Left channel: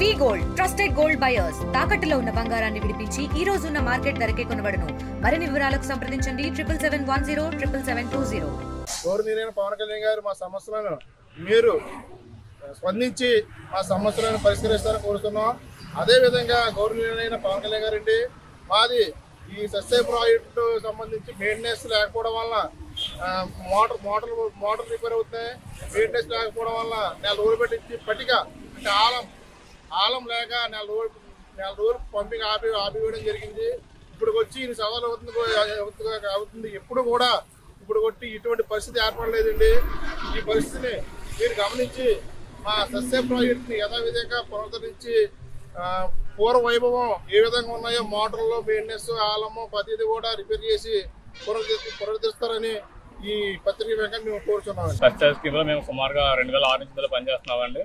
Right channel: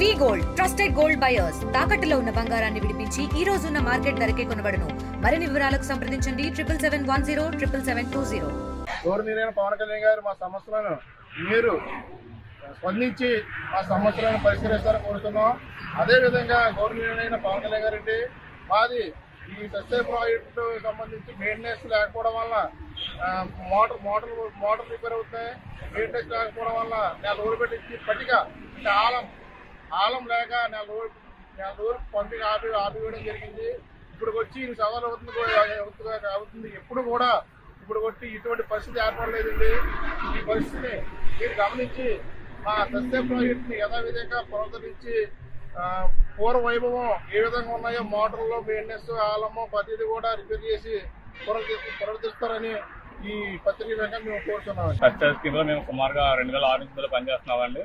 వి gold trusted gold buyers తాకట్టులో ఉన్న బంగారాన్ని విడిపించి ఈ రోజు ఉన్న మార్కెట్ ధరకే కొనబడును. మరిన్ని వివరాలకు సంప్రదించండి 7710 గౌరవనీయులైన పవన్ కళ్యాణ్ గారు మా సమస్యలను మీరు స్పందించి మా సమస్యలను పరిష్కరిస్తారని కోరుతున్నాం. అదేవిధంగా గౌరవనీయులైన పవన్ కళ్యాణ్ గారండి మాది ఈ సస్య ప్రాజెక్టు సంబంధించి మెయింటెనెన్స్ లేకపోవడం వల్ల మోటార్ రిపేర్ అవుతున్నాయి. మెయింటెనెన్స్ లేకపోవడం వల్ల నెల రోజులు పెట్టి పట్టిక ఆలం లేక నెల రోజులు పంపిణీ ఆపివేయడం జరిగింది. ఇప్పుడు వచ్చి సవాలు అవుతుంది. ఇప్పుడు కొట్టి ఇటువంటి పరిస్థితి ఏర్పడలేదండి. ఈ పరిస్థితిని మీరు గమనించి మా సస్య ప్రాజెక్టుని యథావిధంగా పునరుద్ధరించి పూర్వ వైభవం ఏ విధంగా ఉన్నాయో మోటార్లో మెయింటెనెన్స్ ఆలము ప్రతిదీ కూడా రిపేర్ చేసి పునరుద్ధరిస్తారని ఈ పత్రిక మేము కోరుతున్నాం. సస్య స్కీమ్లో మేము సుమారుగా 2006 నుంచి పనిచేస్తున్నామండి.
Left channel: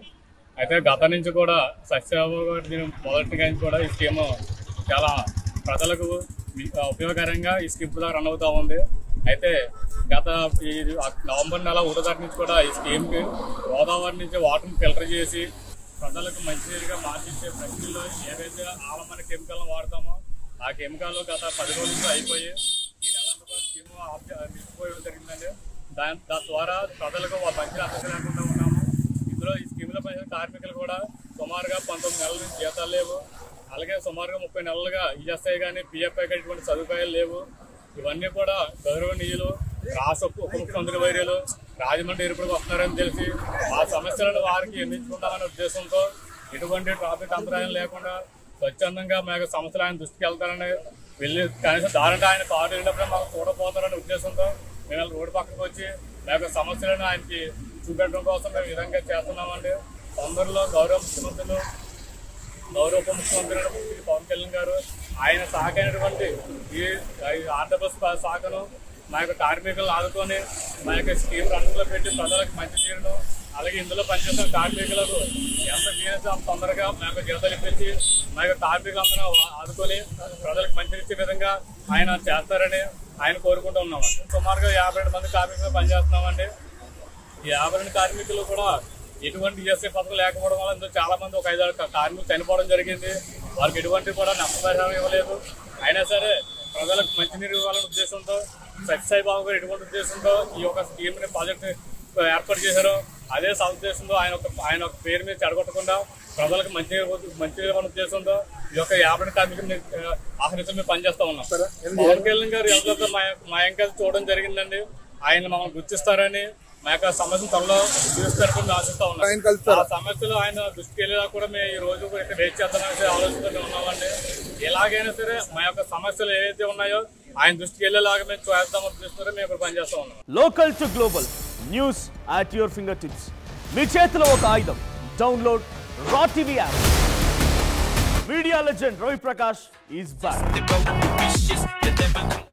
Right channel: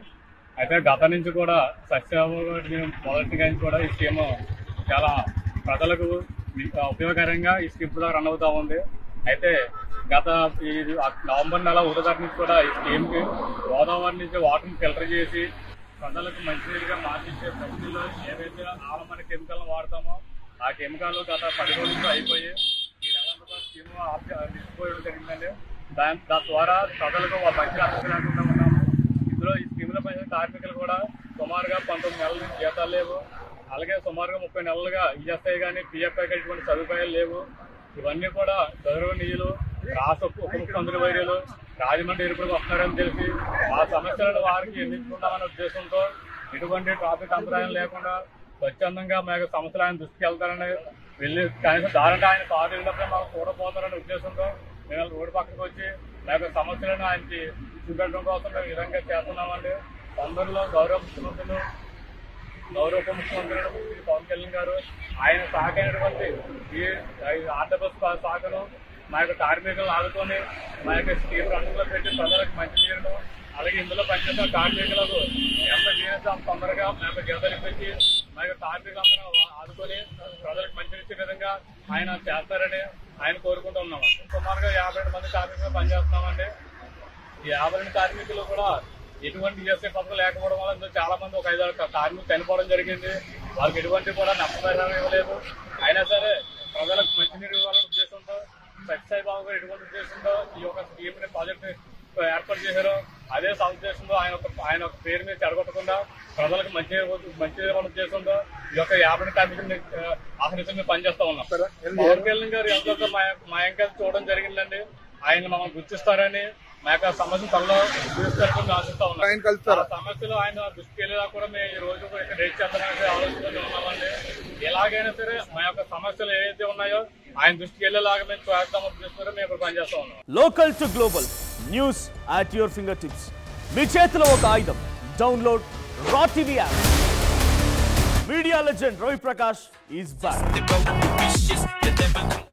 అయితే గత నుంచి కూడా సస్య మొదటిగా కూడా ఈ స్కీమ్ చాలా ప్రజలకు ఉపయోగకరంగా ఈ స్కీమ్ కూడా రన్ అవుతూ ఉంది. అయితే గత ఈ నవంబర్ నెల 1వ తారీఖు నుంచి కూడా ఈ స్కీమ్కి గోదావరి నుంచి వాటర్ని ఫిల్టర్ చేసి ప్రజలకు మంచినీరుగా మార్చించే ప్రక్రియలో ఏదైతే ఆలమని కెమికల్ని వాడతామో ఆ కెమికల్ గత 10 రోజులు అయిపోయి ఈ నెల స్కీమ్ నిలిచిపోయడం జరిగిందండి. దాని ద్వారా ప్రజలకు మంచి అర్థం లేకుండా ఉన్నాము. ఇందులో ఈ స్కీమ్లో పనిచేసే కార్మికులు కూడా సుమారుగా 19 నెలల నుంచి జీతాలు లేవు. అలాగే సుమారుగా 30 నెలలుగా ఈఎస్ఐ కానీ పిఎఫ్ఐ కానీ ఇటువంటి సదుపాయాలు లేవు. ఇవన్నీ కూడా గౌరవనీయులు రాష్ట్ర ఉప ముఖ్యమంత్రి వైర్యులు రాజమండ్రి ఎరుపులకు వస్తున్నారని తెలిసి ఆ సమస్యలను వారికి ఎన్నించుకుంటామనే ఉద్దేశంతో ఎటువంటి ట్రాఫిక్ అంతరాయం లేకుండా స్వచ్ఛందంగా మాకు సమస్యలు ఆయన దృష్టికి వెళ్తారని వెళ్ళి కనీసం దారంటే ఆయన కారు వెళ్ళినప్పుడే మాకు చూడపోతారనే ఉద్దేశంతో మేము రోడ్డు పక్కకు వచ్చి మాకు సమస్యలను ఆయనకి చూపెట్టడం కోసం మేము ఈ విధంగా చేస్తున్నామండి. తొందరలో గౌరవ ఉప ముఖ్యమంత్రి పవన్ కళ్యాణ్ గారు ఆయన సహకైనటువంటి ఈ ఆర్డబస్ శాఖను మా యొక్క కార్మికులను ఆదుకొని మా యొక్క స్కీమ్ రంగంలో పెట్టి ప్రజలకు మంచి నీరును అలాగే ఇందులో పనిచేసిన కార్మికులకు ఎంత జీవితం అంత తొందరగా మా యొక్క జీతాలు ఇప్పించి మా యొక్క కార్మికులందరూ ఆదుకొని ప్రజలకు మంచినిచ్చే విధంగా ఆయన చేస్తారని ఆయన కోరుకుంటూ ఉన్నాం. సుమారుగా 52 మంది కార్మికులు పనిచేస్తున్నామండి. ఈ 52 కార్మికులు కూడా ఎటువంటి ఈఎస్ఐ పథకం లేకపోవడం వల్ల ఇందులో చాలా మంది ఒక 5-6 కార్మికులు చనిపోవడం జరిగింది. వాళ్ళకి ఎటువంటి కూడా నష్టపరిహారం ఇవ్వలేదు. అయినా సరే ప్రజలకు మంచినీరు ఇవ్వాలనే ఉద్దేశంతో సత్యసాయి బాబు గారు ఎటువంటి ఉద్దేశంతో ఈ యొక్క స్కీమ్ ప్రాజెక్ట్ ఏర్పాటు చేశారో అదే సదుద్దేశంతో ఆయన ఒక పేరు మీద చెడగొట్టకుండా ప్రజలకు మంచినీరు ఇవ్వాలనే ఉద్దేశంతో ఈ యొక్క 50 కార్మికులు ఆహ్వానించి మేము పనిచేస్తా ఉన్నాం. పవన్ కళ్యాణ్ గారు ఎవరితో మా ఇంకా చూడడం జరిగిందండి. ఆయన మమ్మల్ని గుర్తిస్తారని మా యొక్క సమస్యను త్వరలో చూస్తారని ఆశిస్తా ఉన్నాం. ఆ సమస్యలు ఆయన దృష్టికి వెళ్ళేలా కూడా మేము ఈ రోజు ఇక్కడ రేట్ చేద్దామనే ఆలోచనలో ఉన్నామండి. ఎలాగైనా సరే మా యొక్క సమస్యలు ఏవైతే ఉన్నాయో ఆయన దృష్టికి వెళ్ళేలాగా మేము చేద్దామని ఉద్దేశంతో మేము ఇక్కడ పనిచేస్తా ఉన్నాం. Local to global news at your fingertips. మీ చేతిలో ఒక ఆయుధం. Download Raw TV app. Media legend Ravi Prakash is back.